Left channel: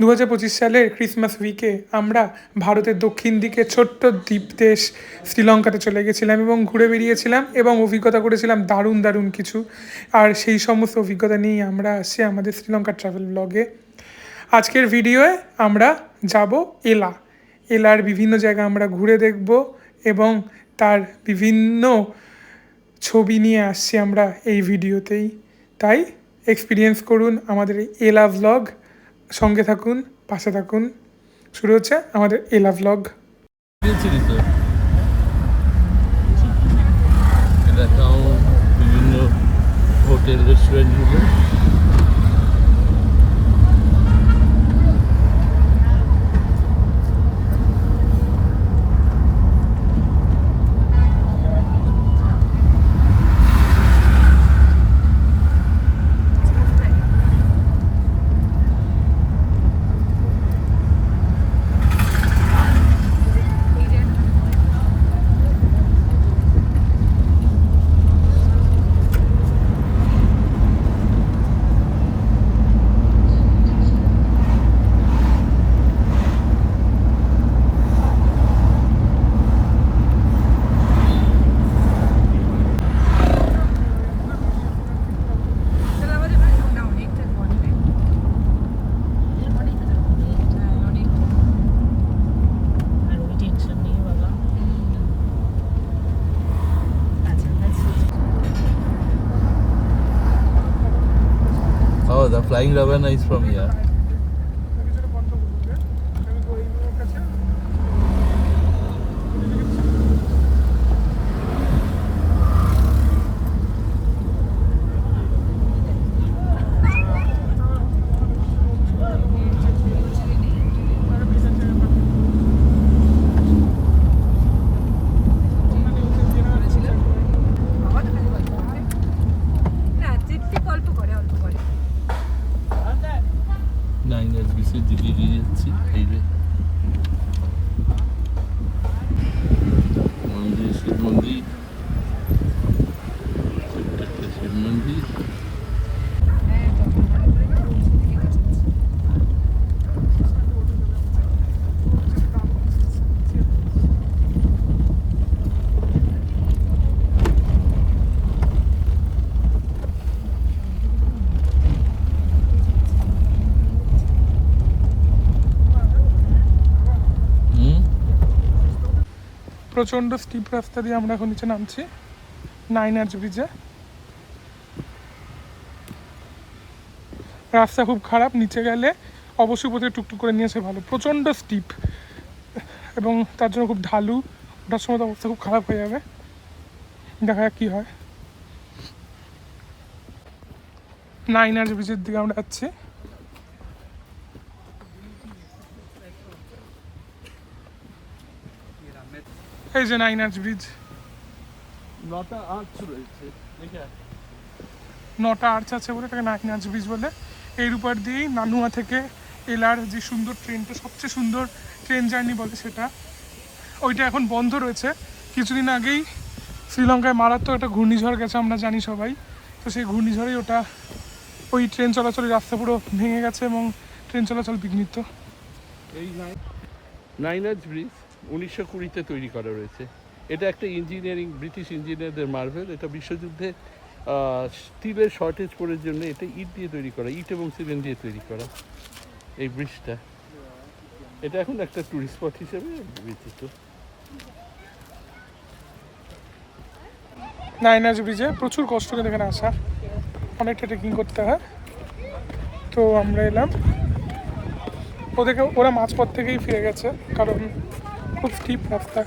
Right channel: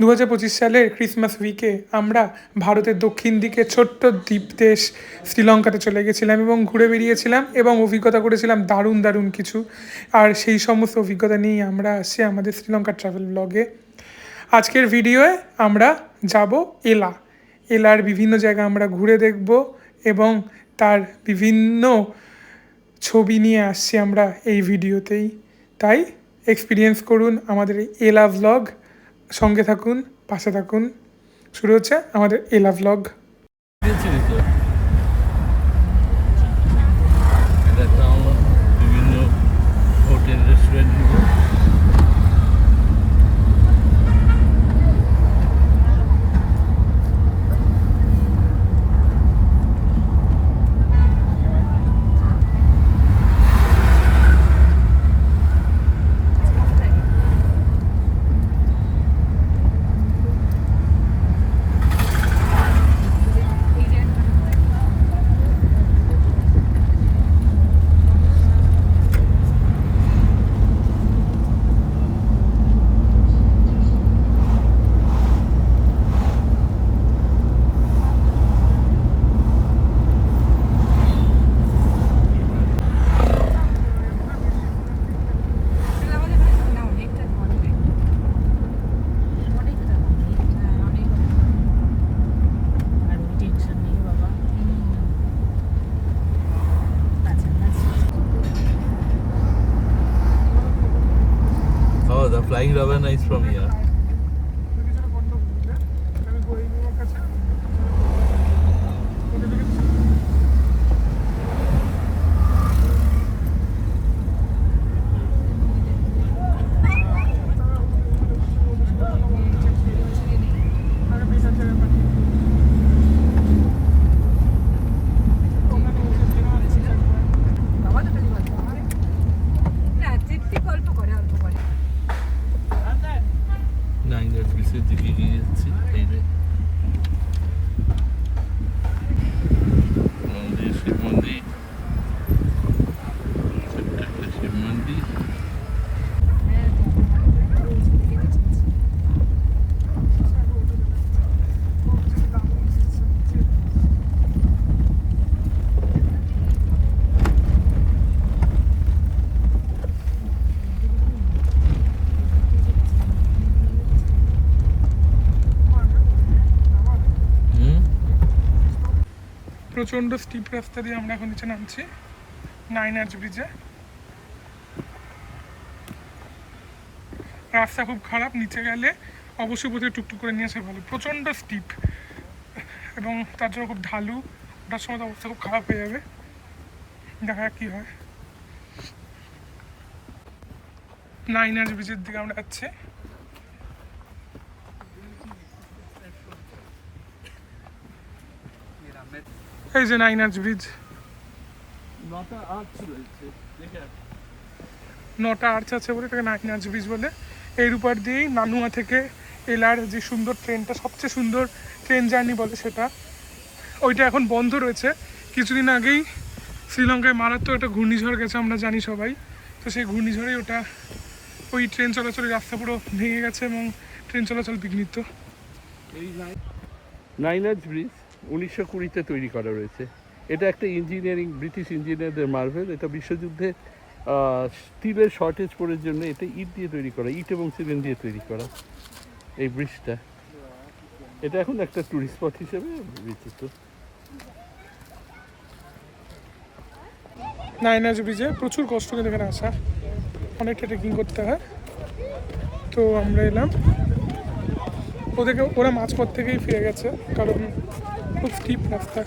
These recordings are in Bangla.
2025 সালের ক্রিসমাস উইকে আমরা ভারতের দক্ষিণ দিকে ছোট্ট দ্বীপ দেশ শ্রীলঙ্কাতে চলে গেছিলাম এবং ঘুরে বেরিয়েছিলাম এবং অভিজ্ঞতা করেছিলাম দারুণ দারুণ কিছু। আর সেই সমস্ত অভিজ্ঞতা নিয়েই আমরা আসছি আমাদের শ্রীলঙ্কার ট্রাভেল ব্লগে। আজকের ভিডিওয়ে আমরা যাব এলার বিভিন্ন জায়গা আমরা ঘুরে দেখব এবং তার বিভিন্ন ছবি নিয়ে আসছি আমরা এই ভিডিওতেই। তাই এক্সপিরিয়েন্স করুন আমাদের এই এলা ভ্লগ, সঙ্গে থাকুন, পাশে থাকুন। শুরু হচ্ছে আমাদের এলা ভ্লগ। বিভিন্ন হোটেল রেস্টুরেন্টগুলো The flying Ravana is from here. প্রচণ্ড স্টিপ রাস্তা দিয়ে আমরা এখন নিচে নামছি 9 আর্চ ব্রিজে। রাস্তা খুব খারাপ, নিচে গেলে অবশ্যই প্রথমে টুকটুক করে নিয়ে আসে ভালো। প্রচণ্ড স্টিপ এবং তার জন্য খুব ঢালু, ওটার সময় অবস্থা খুব খারাপ হয়ে যাবে। দেখা যাক কী হয়। 9 আর্চ ব্রিজের দিকে আমরা যাচ্ছি। এই যে 9 আর্চ ব্রিজ, 9টা আর্চ রয়েছে, 9টা আর্চ আছে বলে এটাকে 9 আর্চ ব্রিজ বলে। এর উপর দিয়েই নানুয়া থেকে এলার যে সুন্দর ট্রেনটা, সবচেয়ে সুন্দর ট্রেন জার্নি বলে সেটা, ওইটা এখন বন্ধ রয়েছে। কিছুদিন আগেই শ্রীলঙ্কায় মারাত্মক একটা ঘূর্ণিঝড় গেছে, আমরা জানি সবাই। তো সেই ঘূর্ণিঝড়েই ওই ট্রেন চলাচলের রাস্তা পুরো ভেঙে গেছে এবং ট্রেন চলাচল বিঘ্নিত। এই 9 আর্চ ব্রিজ 1920-তে তৈরি করা রয়েছে। এটা একটা ইঞ্জিনিয়ারিং, ব্রিটিশ ইঞ্জিনিয়ারদের মার্ভেল। এটা বিশ্বযুদ্ধে স্টিলের শর্টেজ পড়ার জন্য এটা ইট দিয়ে তৈরি করা, ইট এবং সিমেন্ট দিয়ে তৈরি করা এই ব্রিজটা। এটা এখন একটা টুরিস্ট স্পট হিসেবে বিচিত্র। 9 আর্চ ব্রিজে প্রচুর কষ্ট করে এখানে আসা, অনেকটা ট্রেকিং করতে হয়। তো আমরা এলাম, ওরা মাঝপথ থেকেই ফিরে গেছে কারণ খুব স্টিপ রাস্তা।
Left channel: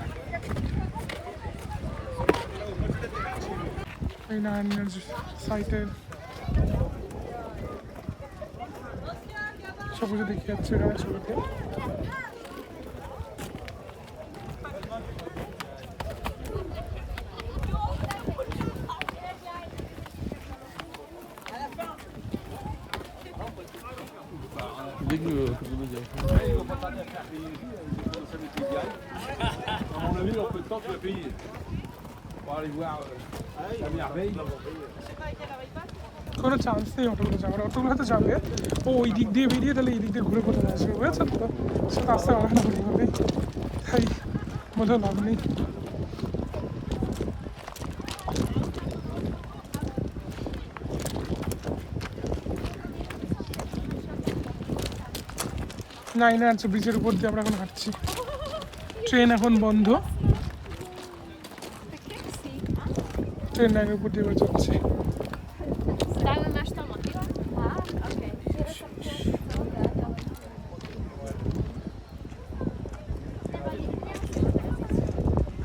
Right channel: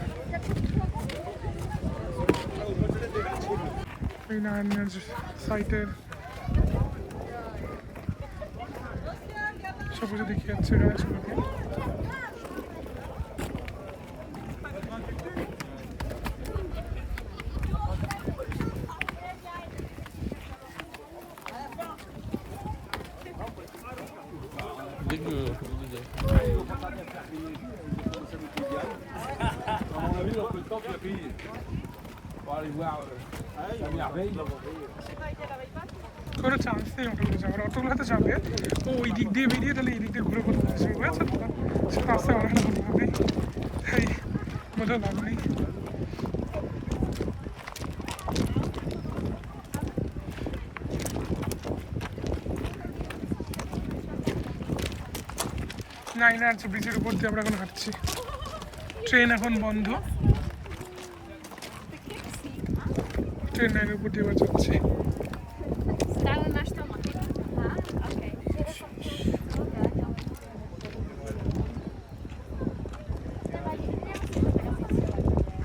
এই 9 আর্চ সাইটের সব কিছু দেখে যাচ্ছে এখানে ছবিতে। temps tu l'as payé pour aller voir la merveille. কোনো চান্স নেই অটোগুলো যাওয়ার, অটোগুলো তো যাবে ও ওই দিক দিয়ে বেরিয়ে তাহলে এই দিক দিয়ে ঘুরে ঘুরে আসবে, বুঝেছো তো? সে রাস্তায় অনেক না বুঝবে, তাই বলেও লাভ নেই। নাইনে আছে ব্রিজের উপর দিয়ে আমরা এখন হাঁটছি, ট্রেন এখন বন্ধ, ট্রেন লাইনের উপর দিয়ে এবার যাচ্ছে। Dałem nasz tom. Okej.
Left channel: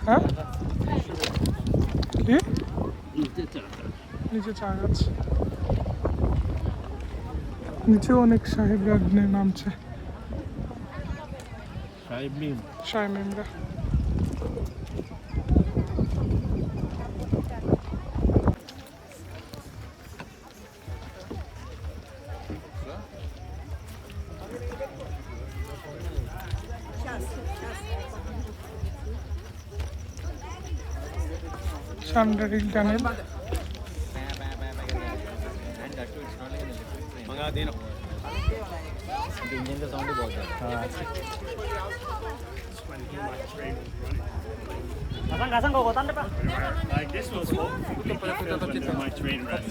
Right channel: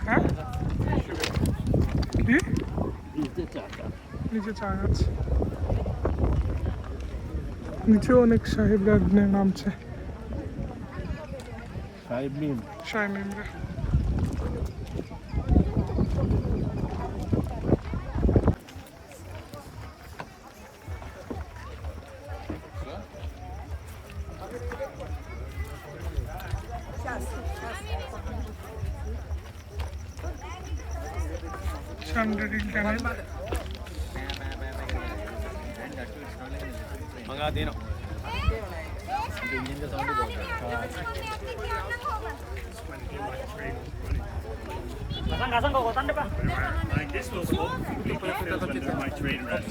হ্যাঁ কি নিচে চা গাছ, নিচেও অনেক সাহেবরা নামছে, সাহেব মেমরা। সান্ডারিল টানেল, मंगा देना इंजन का साउंड ही बहुत है Like this will slow. You can put it under my train rest.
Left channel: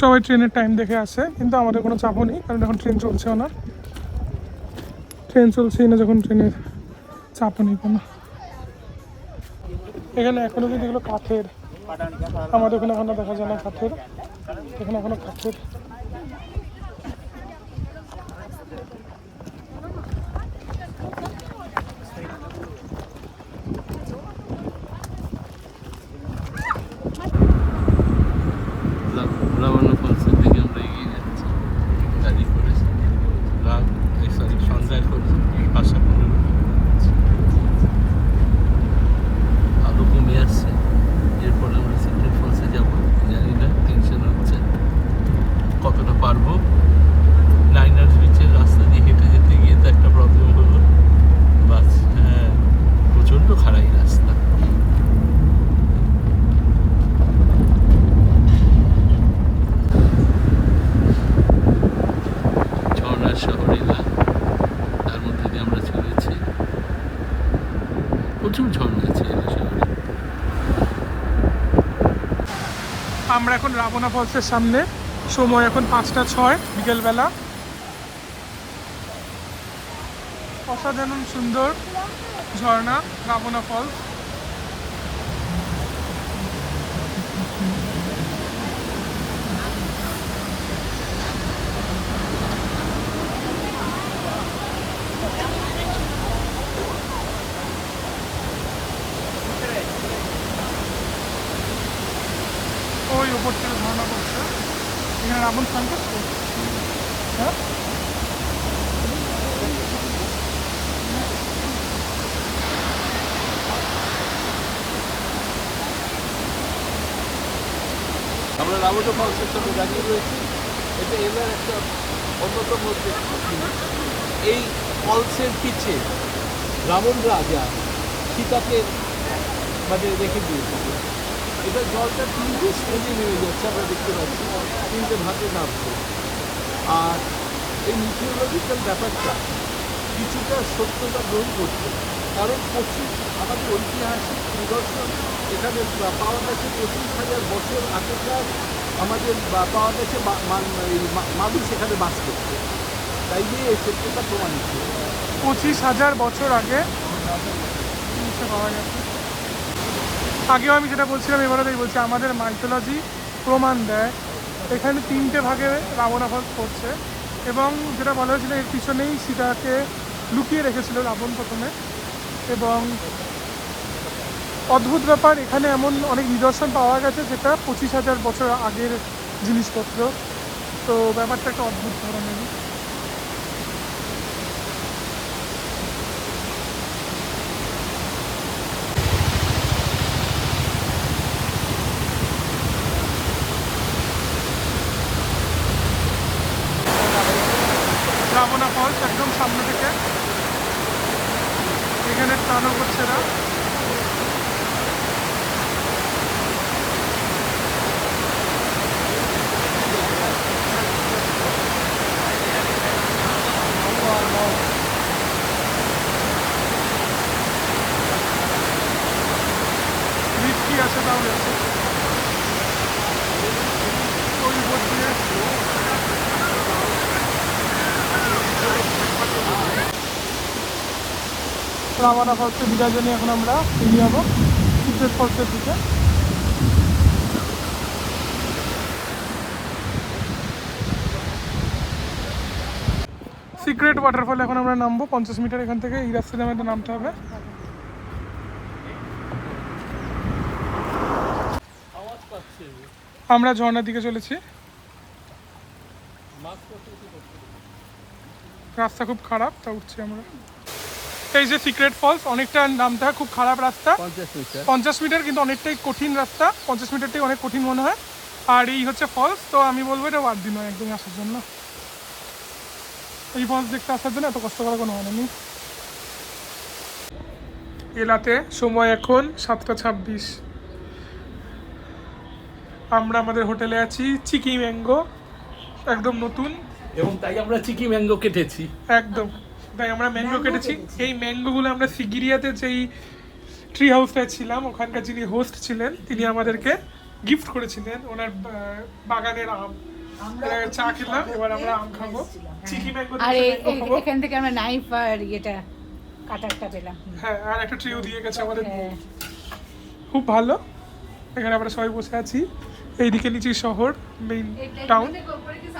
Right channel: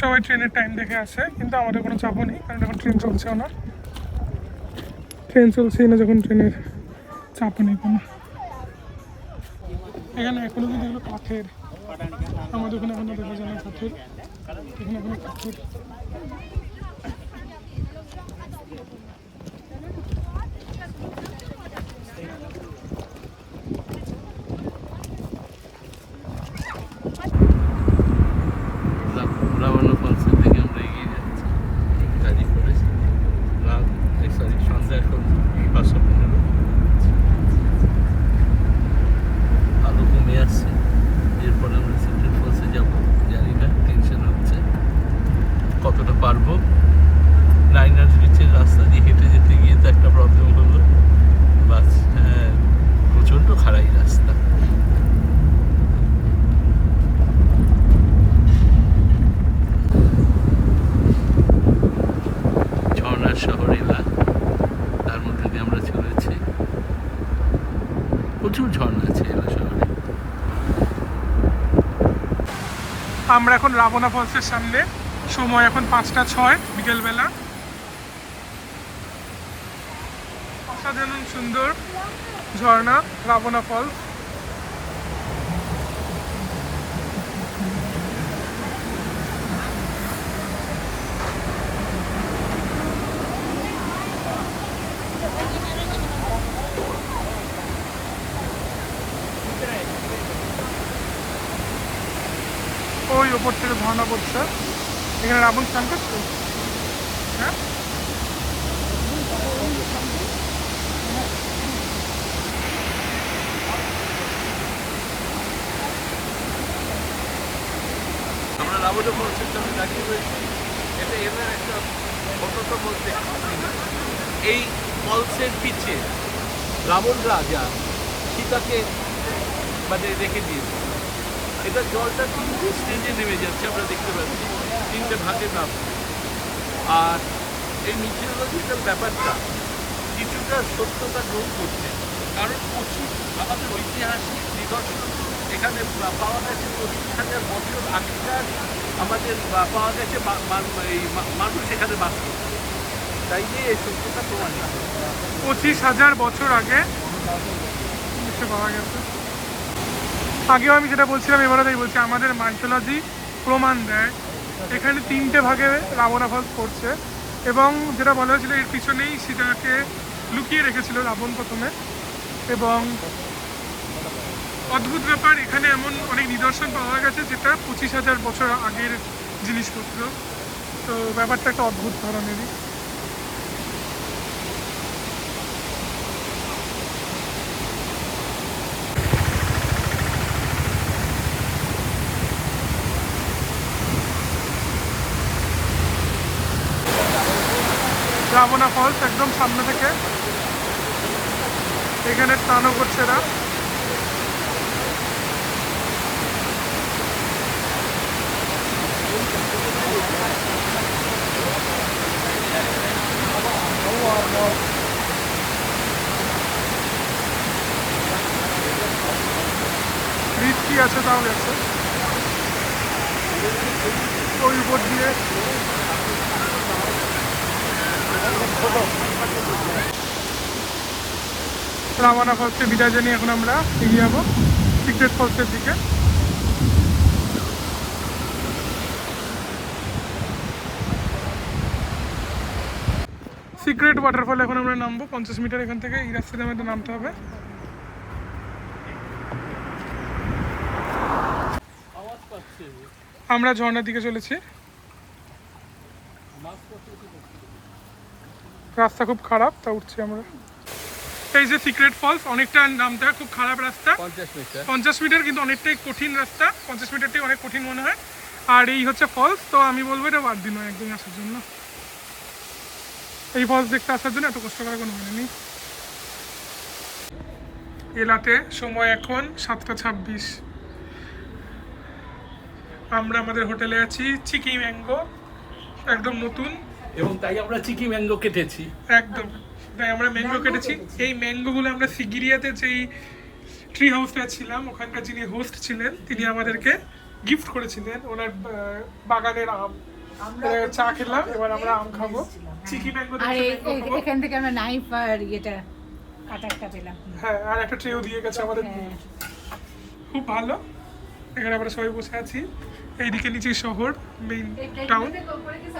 সবাই ট্রেনের টাইম দেখে আসে, কিন্তু আমাদের কোনো চাপও নেই কারণ এখন ট্রেন চলছেও না, ট্রেন চলছেই না যখন ট্রেনের চাপও নেই কোনো। এখানে এখনো কিন্তু এগুলো কাঠের, আমাদের ওখানে এখনো দেখা যায় না কাঠের, এখানে এখনো কাঠের। রাবণ ফলসের দিকে আমরা এগিয়ে যাচ্ছি গাড়ি করে, রাত সরি সন্ধ্যা এখন 5:15, আলো কমে আসছে, এরপর আমরা সিলেট ফলসে যাব, জানি না, টেনশন হচ্ছে কতটা পারবো। নাইনার বিচের রাস্তা দিয়ে হেঁটে যেতে গিয়ে তো একটা প্রবলেম হলো, বাস হ্যাঁ প্রচণ্ড খারাই রাস্তা। ঝর্ণার শহর এলা, তার মধ্যে দিয়ে আমরা চলেছি, প্রচুর ঝর্ণা আছে এলা শহরে। আমরা এখন রাবণা ফলসের সামনে, সময় এখন 5:06 বিকেলবেলা। অসাধারণ সুন্দর ঝর্ণা রাবণা ফলস। ওই ওপর থেকে ঝর্ণা পড়ছে, এখানে রাবণ স্নান করছে। হ্যাঁ আমরা রাবণ ফলসের সামনে দাঁড়িয়ে রয়েছি, এটা এবার একটা অন্যতম জিনিস। এই ফলসের পিছে রাবণ রাজা সীতাকে মানে রেখে দিয়েছিল। এটা জলটা 3টে স্টেজে নেমে যাচ্ছে, আমরা দেখতে পাচ্ছি 3টে ভাগে নামছে। আর এই মিথিওলজিক্যাল ব্যাপারটা কিছুটা সত্যতা গ্রহণ করছে, কারণ আমাদের ঐতিহাসিক নিদর্শন এখানে পাওয়া গেছে 25,000 বছর আগেকার, আমাদের পাওয়া গেছে মানুষ এখানে বাস করছে, তাই নিয়ে এই সত্যতা প্রমাণিত। 25,000 বছর আগে জিনিসটা পাওয়া গেছে। আগেও আমি সেটা বলছিলাম, এবারও তাই বলছি, আমাদের মাইথোলজি প্রমাণ দেয় এখানে 3টে ভাগে রাবণা ফলস পড়ছে, এবং যেটা বলা হয়েছিল এর পিছনেই সীতাকে লুকিয়ে রেখেছিল রাবণ প্রথমে। এবং অদ্ভুত ব্যাপার, এখানে এমন অনেক নিদর্শন পাওয়া গেছে যেটা 25,000 বছর আগের জিনিসপত্র, তো ব্যাপারটা একটা অদ্ভুত ধরনেরই। রাবণা ফলস একদম সামনে থেকে এখানে স্নানও করছে এরা। রিস্কি আছে তাহলে আছে ওই উপর দিয়ে। রামানা ফলসে বিদায় জানিয়ে এখন আমরা এগিয়ে যাবো সিক্রেট ফলসের দিকে। সিক্রেট ওয়াটারফল এখন আমরা নামবো 50 মিটার এখান থেকে, এই রাস্তাতে আমাদের নামতে হবে। আওয়াজ পাচ্ছে আমরা ঝর্ণার দিকে চলেছি। রাস্তা খুব খারাপ, তা উঠছি আমরা। এই যে সিক্রেট ফলস, অনেকটা নামতে হয়, খুব খারাপ রাস্তা, 50 মিটার, কিন্তু অনেকটাই কঠিন রাস্তা, 50 মিটারটাই অনেক কঠিন মনে হয়। আর এই হচ্ছে ফলস, তো আমি বলবো এটা বাদ দিন হয় একদমই আসার জন্য। এই ফলস দেখতে আসার জন্য এত কষ্ট করার কোনো মানে নেই। এলাতে সময় এখন 7:26। আমরা আমাদের হোটেলে আছি, চিকি ম্যাঙ্গো, একদম নতুন, এবং তাই আমরা চিকি ম্যাঙ্গো কেটেছি। একদম তাই আমরা ম্যাঙ্গো কেটেছি। এই ম্যাঙ্গোগুলো আমরা সিগিরিয়াতে যেই ট্রি হাউসটায় ছিলাম, ওখানকার যিনি হোস্ট ছিলেন তিনি আমাদেরকে গিফট করেছিলেন ওনার বাগানের আম। চা খেলাম, এবার আমরা আম খাবো। চিকি ম্যাঙ্গো আর এখান থেকে আমরা নাইফ আর ইয়েটা কাটারটা পেলাম। হ্যাঁ, আর একটা ট্রেও দিয়ে গেছে আমাদের, খুব ভালো। এখানে আমরা সবাই বসে আছি, এইদিকে নিচে শহর, মেইন টাউন।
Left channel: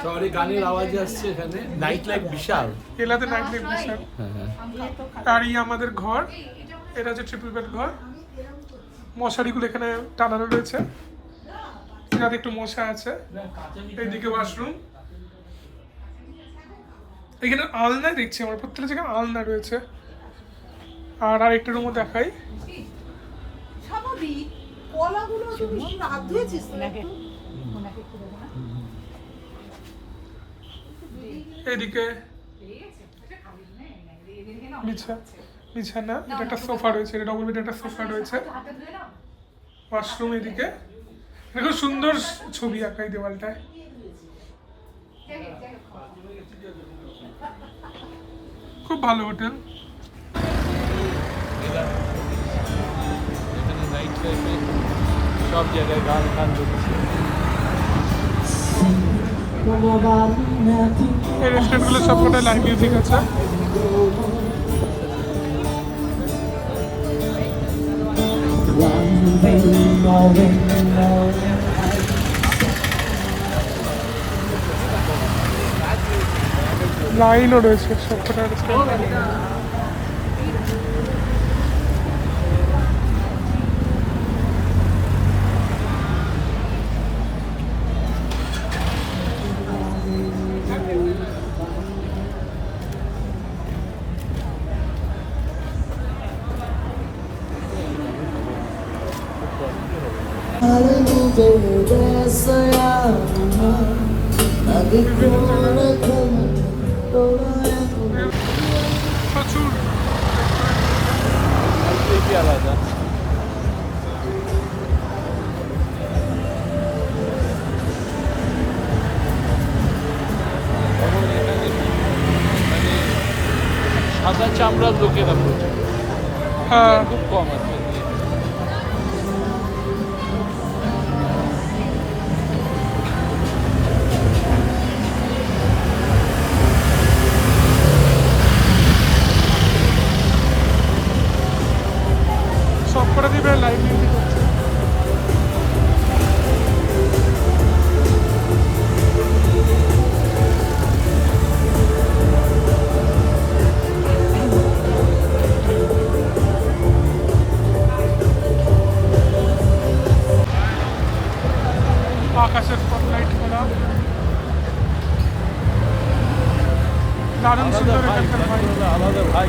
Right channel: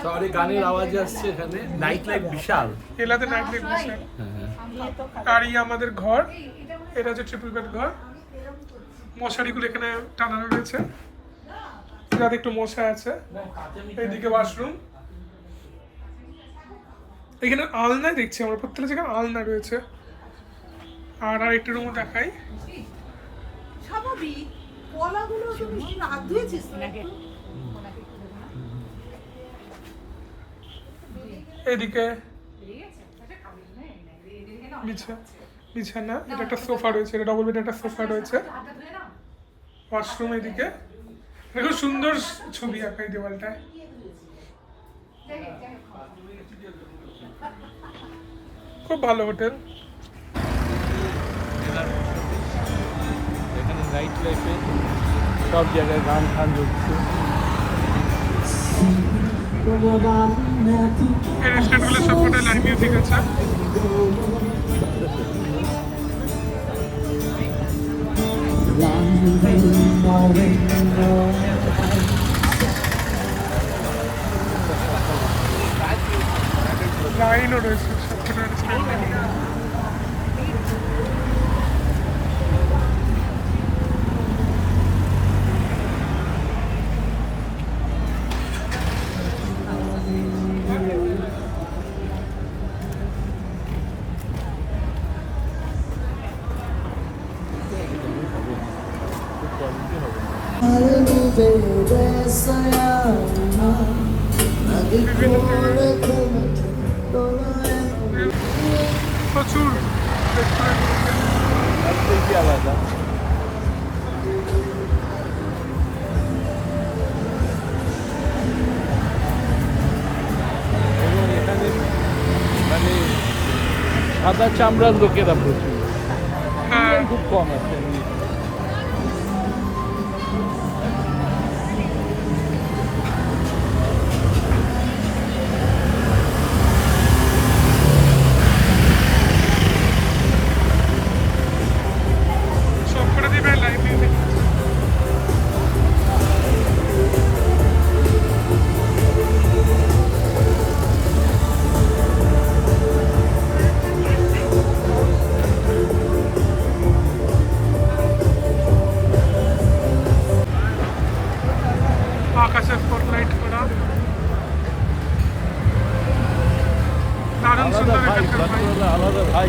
শহরে গানের আওয়াজ আসছে, এখানে নাইট লাইফ বিশাল। এলাতে নাইট লাইফ বিশাল। আর এই আমাদের ঘর, এটা হচ্ছে ট্রিপল বেড ঘর। মশারিগুলো এখানে টানানো রয়েছে যাতে একটু মশা আছে। এইদিকে ওয়াশরুম, এখানে আলনায় দেখছি আমরা, প্রত্যেকটা জায়গায় আলনা রয়েছে। আর আরেকটা রুমও দেখাই, স্বাভাবিক কলাগুলো তো বেশি হাত দিয়েছিস নাকি? এদিকে বিছানা, এটা একটা সোফা রয়েছে, এটা ডবল বেড একটা সোফা রয়েছে। ওয়াশরুম এদিকে, দেখো সুন্দর ছবি আঁকা এই দেওয়ালটায়। খুব ভালো হোটেল। সব জায়গায় গান গান চলছে। এই রেস্টুরেন্টগুলো সবকটাই লাইভ মিউজিক আছে। লাইনও রয়েছে সবকটা রেস্টুরেন্ট। প্রচুর সাদা চামড়ার লোকেরা হ্যাঁ, খুব কম আছে। সবকটা দিবে লাইভ মিউজিক হচ্ছে। আকাশের স্পটলাইট করা, দারুণ সুন্দর এখানকার ভাই। আলাদা ভাই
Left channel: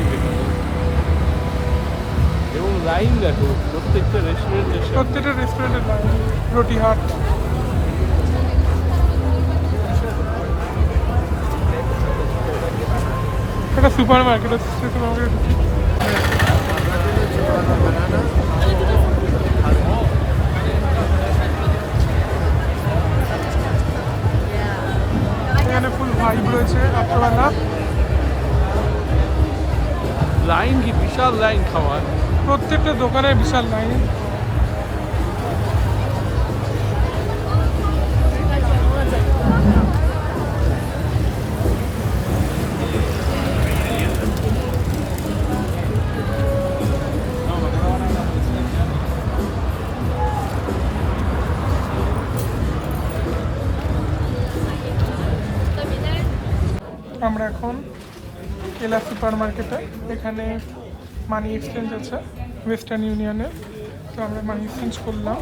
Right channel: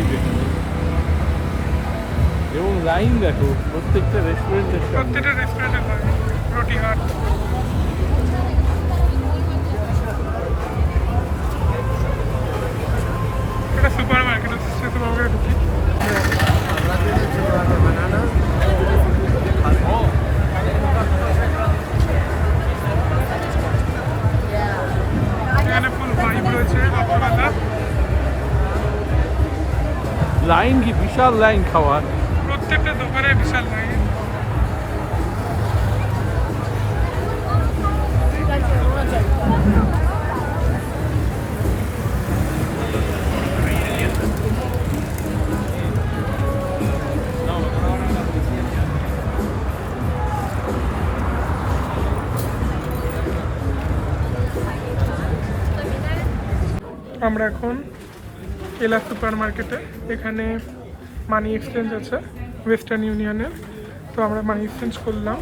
এবং লাইন দেখো প্রত্যেকটা রেস্টুরেন্টে। প্রত্যেকটা রেস্টুরেন্টের লাইন। রুটি হাট, এটা সুপার মার্কেট, সুপার মার্কেটে ঢুকি। এখানে ফুল ভাইব রয়েছে রাত্রবেলা। লাইন কি বিশাল লাইন খাওয়ার। প্রত্যেকটা দোকানে বিশাল লাইন। আমরা এখন এলা সুপার মার্কেটে, এখানে মানি এক্সচেঞ্জ আছে ওয়েস্টার্ন ইউনিয়নের, তো আমরা মানি এক্সচেঞ্জ করলাম।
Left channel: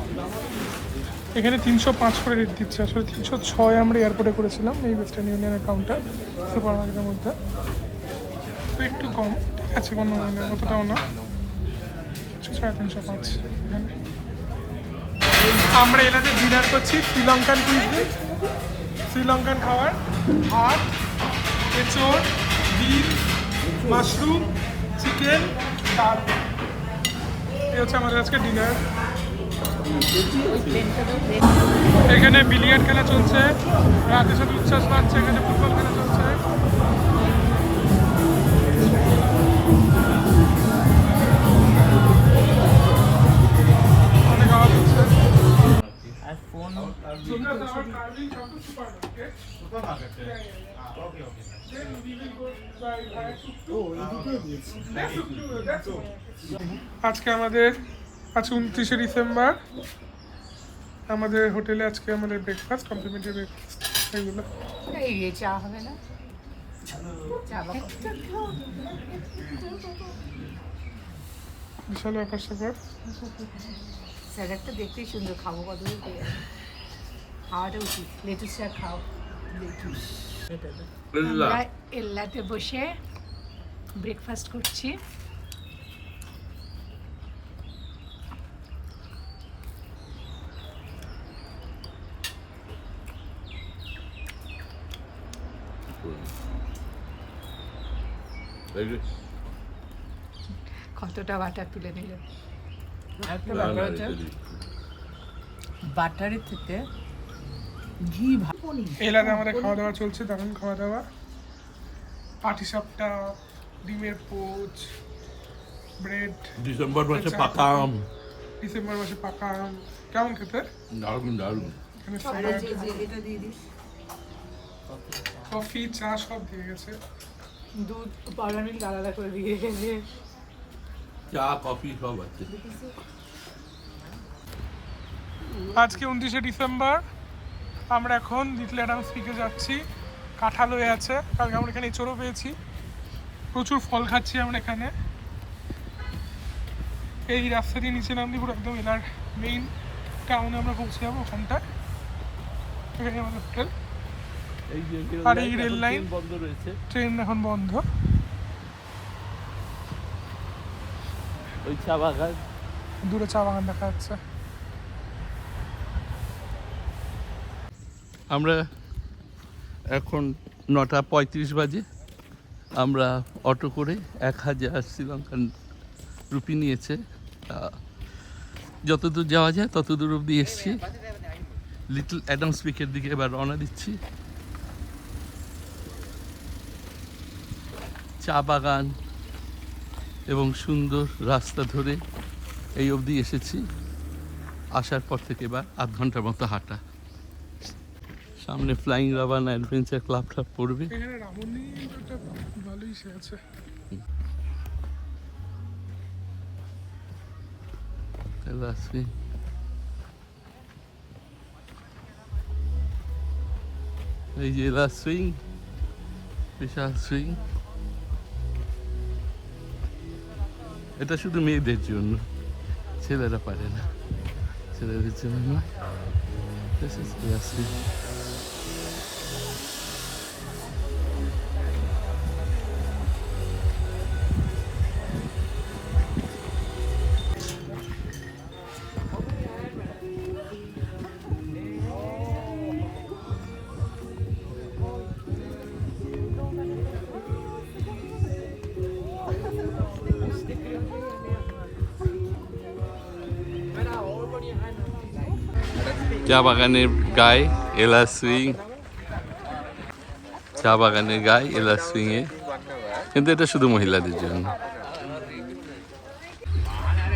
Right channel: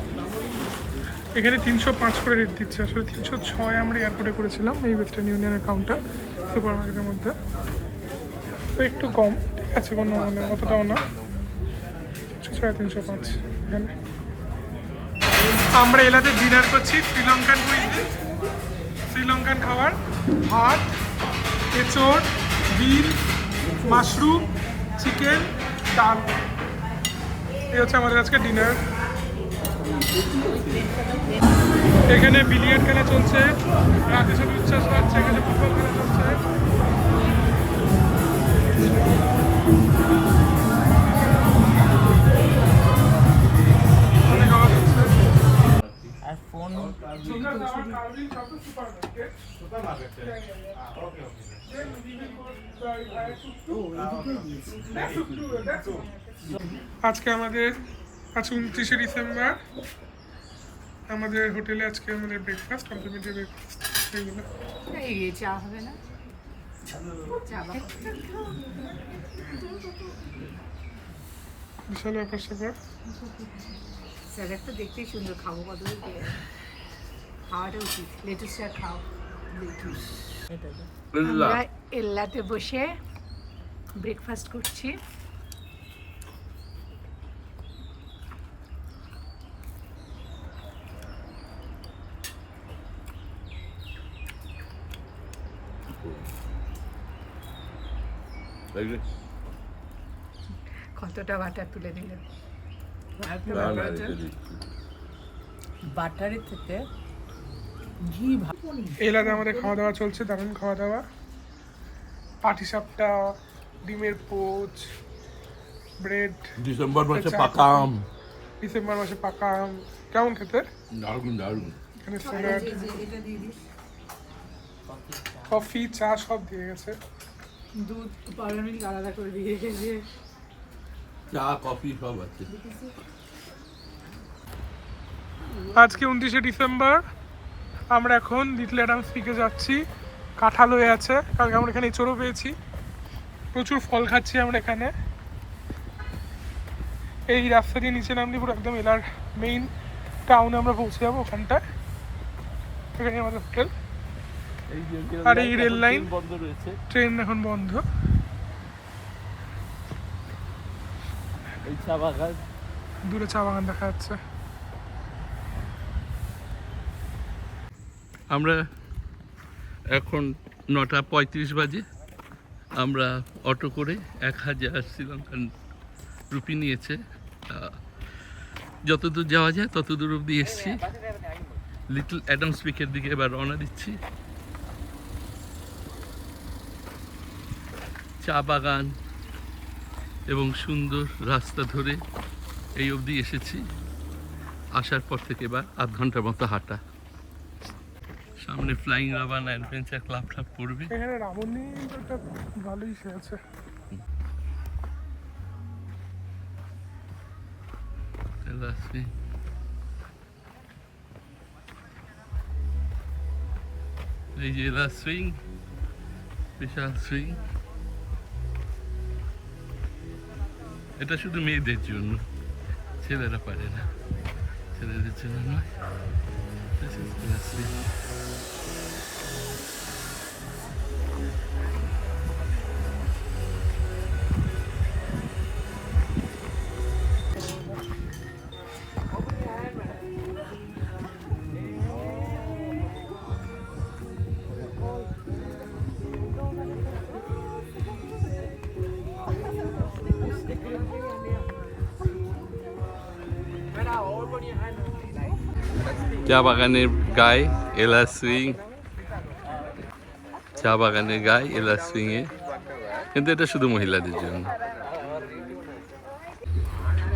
এখানে 305 করে রেট দিচ্ছে, আসলে 306 আমরা এয়ারপোর্টে করেছিলাম এই ওয়েস্টার্ন ইউনিয়নের কাউন্টার সুপার মার্কেটের মধ্যে, তো একটু কম, ঠিক আছে, কোনো মানে অতটাও না, 305 এখানে। আমরা এলাতে ডিনার করছি শ্রীলঙ্কান কুইজিন, শ্রীলঙ্কান খাবার, ভাত, এঁচড়, বিন, মাশরুম, চিকেন, ডাল। এই হচ্ছে আমাদের আজকে ডিনার। এখানে বিলিয়ার্ড খেলা চলছে, রাতে সব উচ্ছ্বাস পাচ্ছে, এখানে ফুটবল খেলা চলছে। অনেক আওয়াজ হচ্ছে। আজকে আমাদের 29শে ডিসেম্বর, আমাদের হোটেলে আজকে আমাদের ব্রেকফাস্ট, কমপ্লিমেন্টারি ব্রেকফাস্ট এইগুলো। এই চা হবে না? চা বিশাল ব্যাপার স্যাপার। স্যালাডটা দেখতেই সুন্দর, খাবো কত খাওয়াটা উচিত। লেটুস শাক খাও। আমরা এল্লাতে বসে ব্রেকফাস্ট করছি। কতটা বাটার তুলে নিলেন? বাটারের থেকে ঘি এলাকাতে আমাদের খাওয়া দাওয়া চলছে, দারুণ খাওয়া দাওয়া। পাটিসাপটা, ডিমের পোচ, ব্রেড। ডিসেম্বর মাসে চা, পাকা আম, ডিসেম্বর মাসে পাকা আম, কেমন খেতে? দারুণ দারুণ। এখানে স্যালাড, কফি, চা সব দিয়ে গেছে। দুধ পাউডার মিল্ক আলাদা করে দিয়ে গেছে। চা কফি সব আছে। আজকে 29শে ডিসেম্বর, আমরা এখন লিটল অ্যাডামস পিকে যাচ্ছি। কাঁঠাল হয়ে আছে, কালকে আমরা এখানে এঁচড়ও পেয়েছি, প্রচুর ফল খাচ্ছি আমরা এখানে। এই রাস্তা দিয়ে নিচে নামলে পুরো একদম এলার মেইন টাউনে আমরা পৌঁছে যাবো, ওখানটায়। এখানে আমাদের হোটেল। আর এই রেল লাইন, বন্ধ রয়েছে, ট্রেন এখন বন্ধ। ওই চা বাগান, দূরে চা বাগান দেখা যাচ্ছে। আমরা এখন 9:35 বাজে। আমরা অটো করে 1000 শ্রীলঙ্কান রুপি নিয়েছে। যতদূর যাওয়া যায় ততদূর অবধি এসছি। লিটল অ্যাডামস পিকের দিকে এবার রওনা দিচ্ছি। চা বাগান এবং সুন্দর রাস্তা ধরে এই অবধি এসেছি। আসার পর থেকে এবার আধ ঘন্টার মতো হাঁটা। সামনে ফ্লাইং রাবান অ্যাডভেঞ্চার ক্লাবটা পড়বে। এখানে রাবণী একটা ভালোই সে আছে। এই যে সুইং, বিশাল সুইং। এটা শুধু মেয়েদের জন্য, ছেলেরা পারে না, ছেলেদের জন্য নয়। This is the swing. চা বাগানের গায়ে এলা সুইং, চা বাগানের গায়ে এলা সুইং এ, কিন্তু এটা শুধু মহিলাদের জন্য।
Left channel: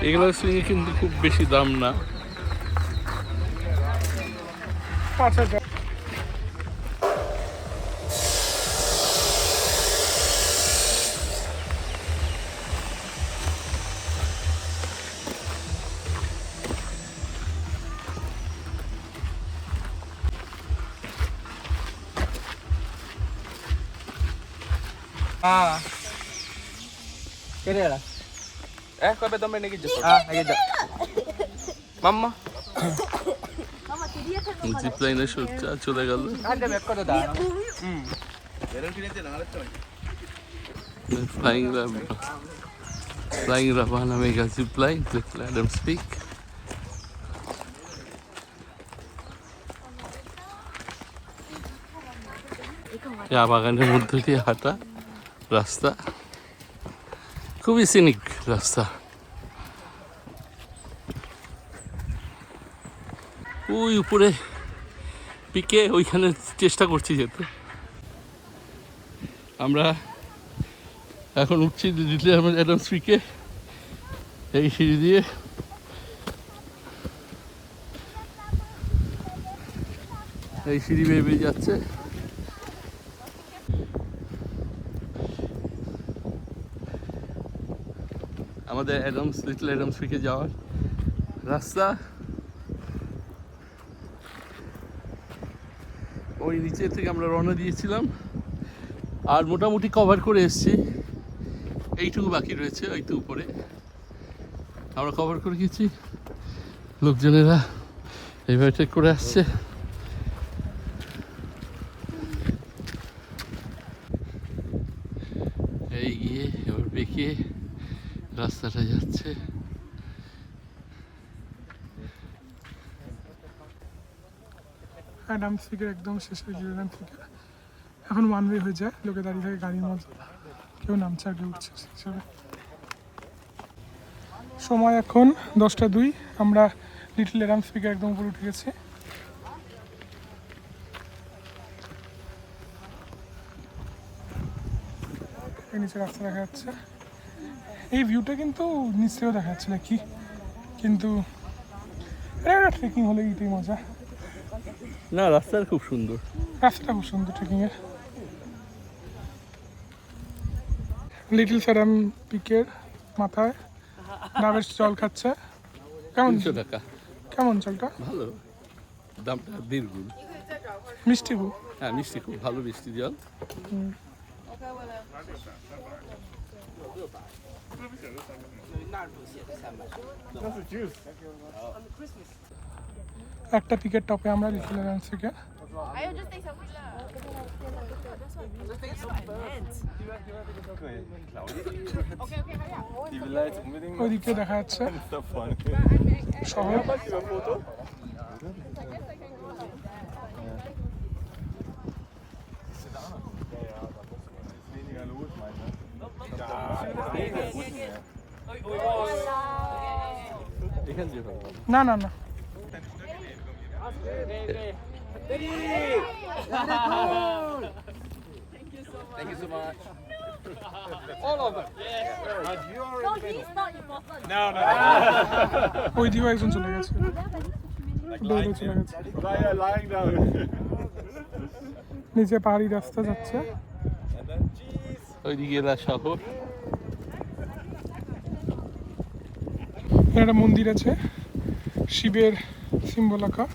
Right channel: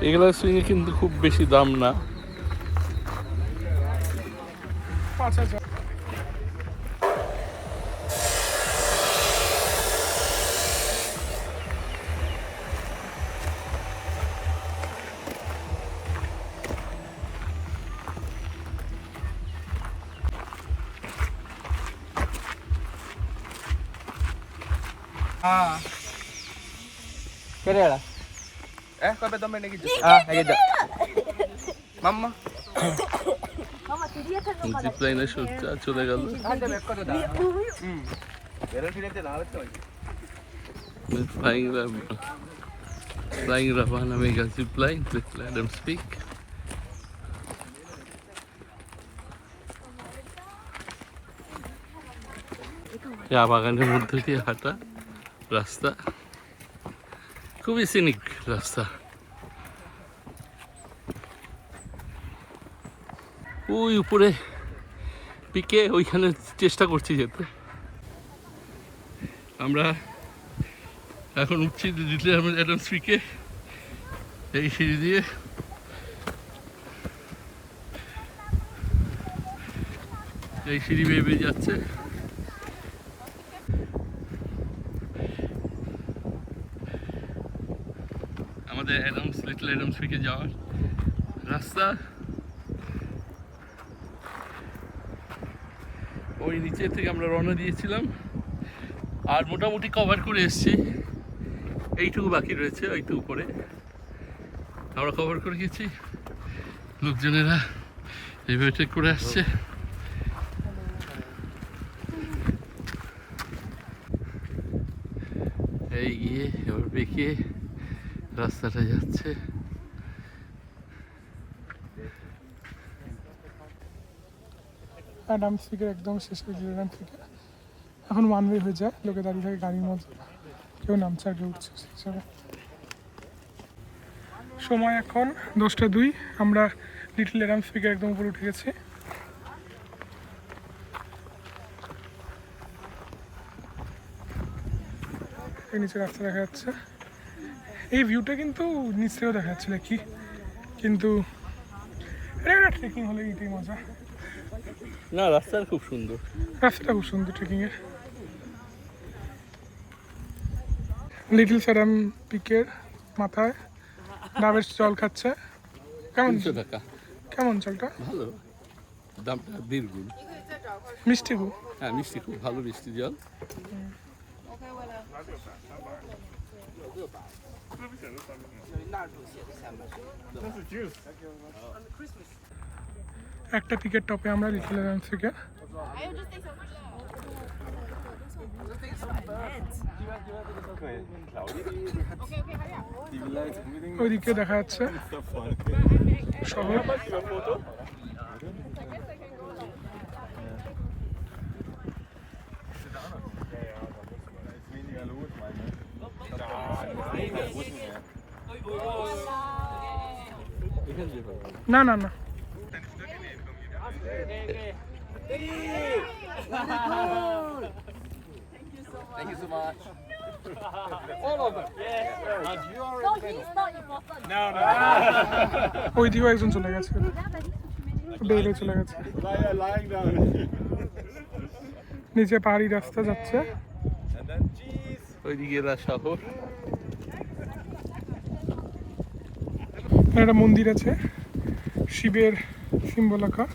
এগুলা সুইং এ কিন্তু খুব বেশি দাম না। 5,000। জিপ লাইনে চলে গেল। Flying Ravana Mega Zip Line with Adams Peak. চা বাগানের মধ্যে দিয়ে হাঁটা রাস্তা, খুবই সিনিক রাস্তা। ওই উপরে পিকে ওইখানে চেষ্টা করছি যেতে। আমরা এখন উঠছি দিল্লি অ্যাডামস পিকে, এই সিঁড়ি দিয়ে। এই সিঁড়ি বেয়ে বেয়ে যাচ্ছে। আমাদের লিটল অ্যাডামস পিকে যাওয়ার রাস্তা ওই নিচে থেকে আমরা রওনা দিয়েছিলাম, আর মোটামুটি কভার করে এসেছি। এইটুকু বাকি রয়েছে, ওইটু উপরে আমরা কভার করে গেছি। লোকজনেরা এইভাবে ট্রেক করে আসছে। এই গিয়ে এবার বেঁকে রাস্তাটা যাচ্ছে। অ্যাডামস পিকের একদম শেষ হয়ে গেল। অ্যাডামস পিকে এখন ওয়ান ওয়ে হয়ে যায়, লোকে দাঁড়িয়ে থাকে গাড়ির মধ্যে, কেউ নামছে আর কেউ উঠছে। সময় এখন 10:02। আমরা লিটল অ্যাডামস পিকের একদম উপরে উঠে গেছি। এই নিচে রাস্তা দেখা যাচ্ছে। এই ভিউটা কিন্তু নিচ থেকেও দেখা যাচ্ছে নাকি, কিন্তু ট্রেকিং হলে এইটাই মজা। না, রাস্তাটা খুব সুন্দর, রাস্তাটা খুব সুন্দর ট্রেকিংয়ের। লিটল অ্যাডাম পিকের মাথায় ডাবের জল খাচ্ছে। কেমন 300 টাকা। কেমন জলটা? ভালো, দামটা 1.5 গুণ। মিষ্টি খুব। হ্যাঁ, মিষ্টি, খুব ভালো মিষ্টি জল। একটা পিকের টপে আমরা লিটল অ্যাডামস থেকে। ওইদিকে দেখা যাচ্ছে শহর। না না না, Thank you so much. ওই দিকেও একজন চলে গেছে, বেরিয়ে চলে গেছে। নিচে পাহাড়ি রাস্তা যাচ্ছে, ওইদিকে এরা শহর। একটা মন্দির আছে, শিবের সিম্বল আঁকা।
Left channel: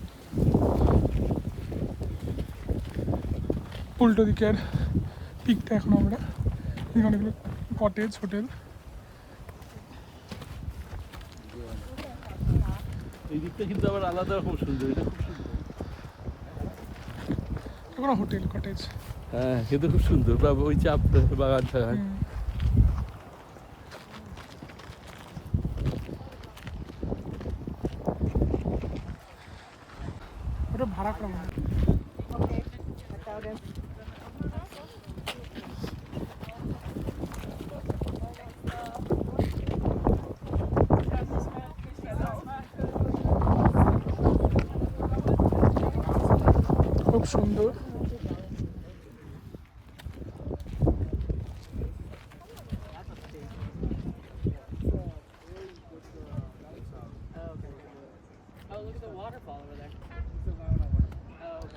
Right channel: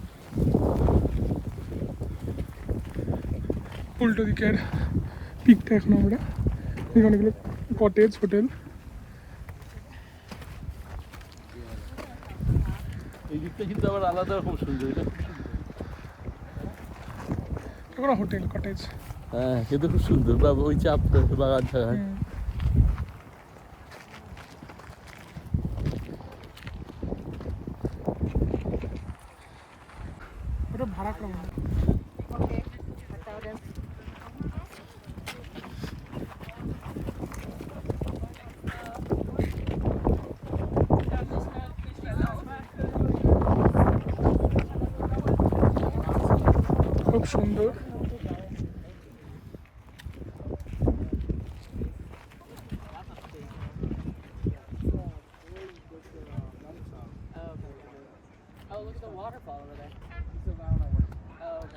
উল্টো দিকের পিকটা এখন আমরা দেখি, অনেকগুলো কটেজ হোটেল। এই দিকটা কিন্তু আবার আলাদা রকম সুন্দর, এটা খুব সুন্দর। কোনো হোটেল কটেজ। হ্যাঁ, কিন্তু খুব সুন্দর, বা ওই চাপ বাগান টাগান। ওটা ভাড়া করা মনে হয়। খুব সুন্দর।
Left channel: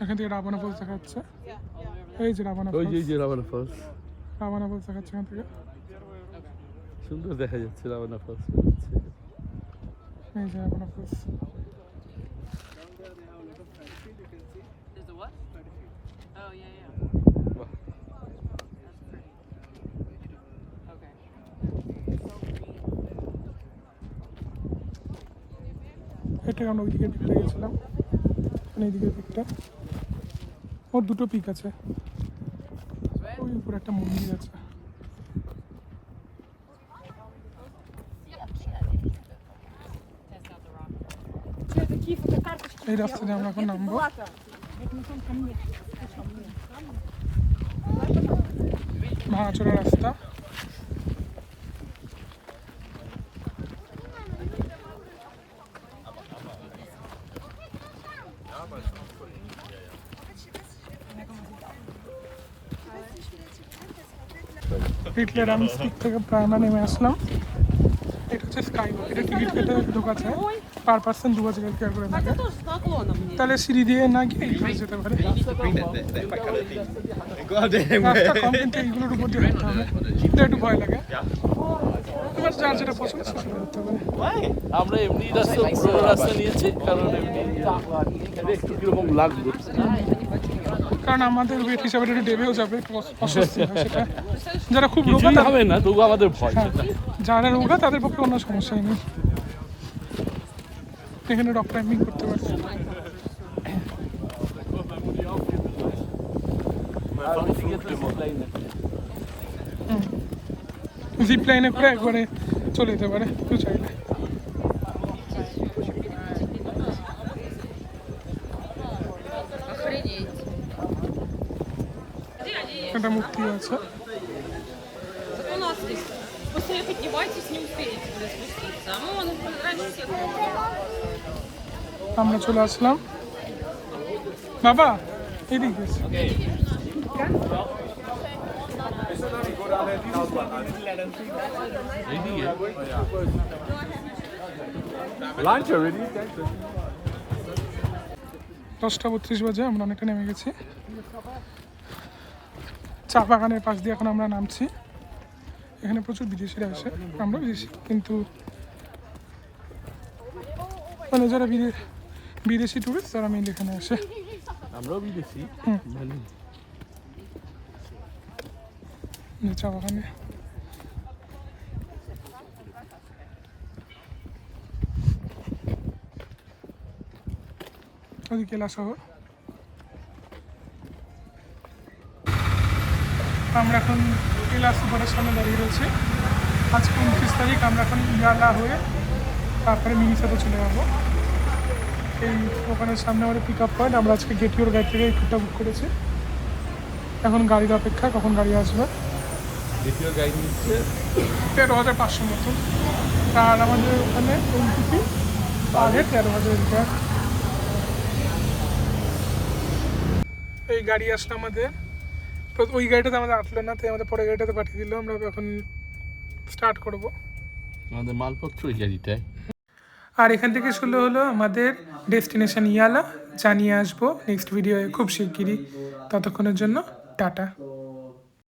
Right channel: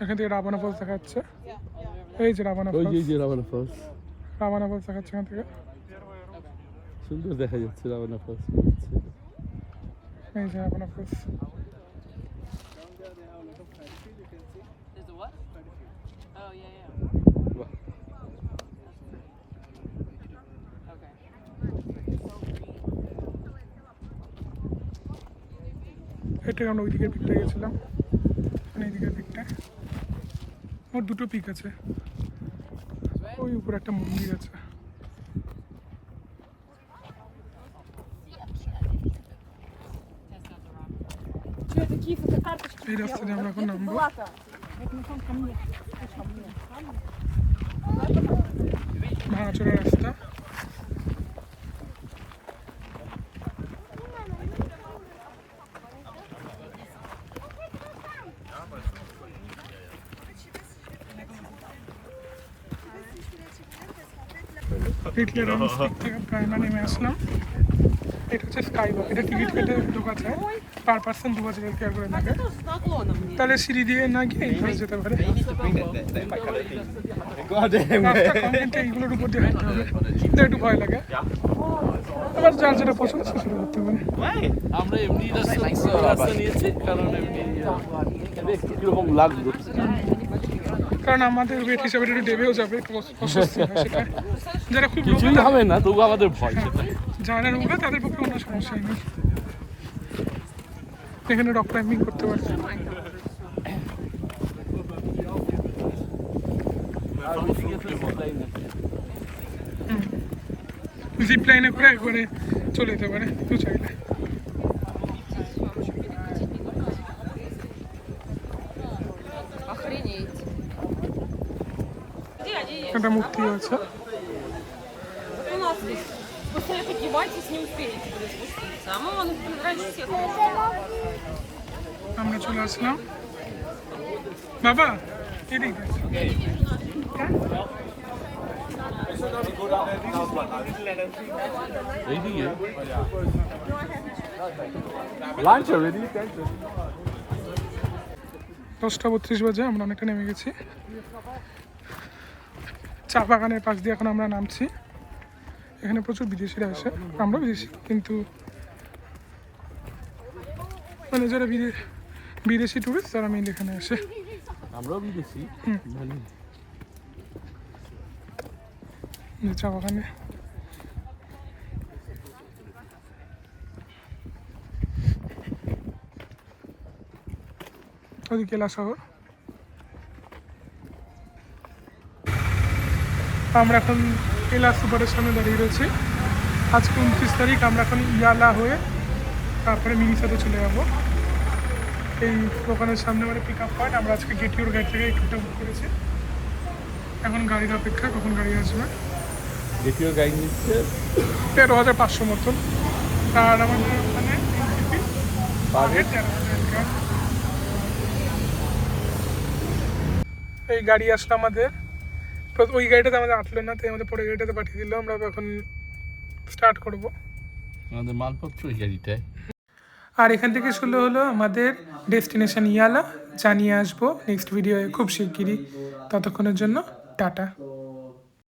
এখান থেকে রাবানা ফলস দেখা যাচ্ছে। এই যে রাবানা ওই ফলস, যে রাবানা ফলস, রাবানা ফলস দেখা যাচ্ছে এখান থেকে। সুন্দর দেখা যাচ্ছে রাবানা ফলস। এই যে রাবানা false. There's a what? Oh, yeah, yeah. Okay. এটা আমরা ওই দিকের পিকটা গেছিলাম, এই দিকের পিকটা। ওর দুটো পিক আছে, ওই উপরে একটা মন্দির আছে। এই রাস্তা দিয়ে আমরা এখন নামবো। ভাঙাচোরা রাস্তা। লিটল রাউন্ড স্টিক থেকে প্রায় আমরা নেমে আসলাম। এটা হচ্ছে স্কাই ওয়াক, এটা টিকিট কেটে ঢোকা যায়, পার পার্সন 2000 টাকা করে লাগে। তাহলে সিঁড়ি দিয়ে না গিয়ে এইভাবে যেতে পারে। রাস্তা কম, কিন্তু এইগুলোর উপর দিয়ে হাঁটতে হবে, এটা একটু ভয় লাগে। এবার যার যেটা পছন্দ সে সেটা করতে পারে। আমরা এমনি রাস্তা, পুরোনো রাস্তা নিয়েছি, কারণ এমনি একটু কিরকম লাগবে। কারণ আমাদের ওয়েট হিসাবে একটু ডেবেও যাবে, একটু অস্বস্তি হয় সেটা। যারা খুব কিছুই রোগা, হবে না, তবু আমাদের ভয় সেটা। যারা রোগা তাদের পক্ষে কোনো সমস্যাই নেই, এখানে রক ক্লাইম্বিং করতে পারছে। জিপ লাইনে করে একবারে চলে যেতে পারে কেউ চাইলে। একটা মূর্তিও আছে। আমরা চলে আসলাম। বাবা এদিক দিয়ে Lunch already? 10:32 বাজে, আমরা অনেকটা নেমে গেছি। চা বাগানের পাশ দিয়ে এখন আমরা নামছি। এখানে প্রচুর বিদেশিরা আসে, আমরা বিদেশি, কিন্তু মানে যারা বিদেশি টুরিস্ট তারা মেইনলি এখানে আসে। আমরাও বিদেশি, মানে চা বাগানে ওদিকে কেলা শহর। আমরা এখন কেলা সুপারের সামনে দাঁড়িয়ে রয়েছি। আজকে 29 তারিখ, আমরা এখন ইয়ালা হয়ে তারপরে মিনিসাতে চলে যাবো। এই দোকানের সামনে আমাদের পিক আপ পয়েন্ট। আমরা আজকে গেটিওর গাড়ি থেকে এই পিকটা বুক করেছি। এখন গাড়ির অপেক্ষা, কখন গাড়ি আসবে। দ্বিতীয় গাড়ি নিচ্ছে 13,500 মতন, আর আমাদের এখানে এনটিপি 13,000 টাকা। এই গাড়ি আসলো আমাদের, ওই গাড়িটাতে আমাদের আটলো না, তাই আমাদের পরে গাড়িটাতে পাঠিয়ে দিল। আমরা এখন স্টার্ট করব। আমাদের মালপত্র ওই গাড়িটায়। আর এখান থেকে শুরু হলো আমাদের ডেস্টিনেশন ইয়ালা। জানিয়ে আসবো নেক্সট ভিডিওয়ে খুব শিগগিরই। ততক্ষণের জন্য টাটা।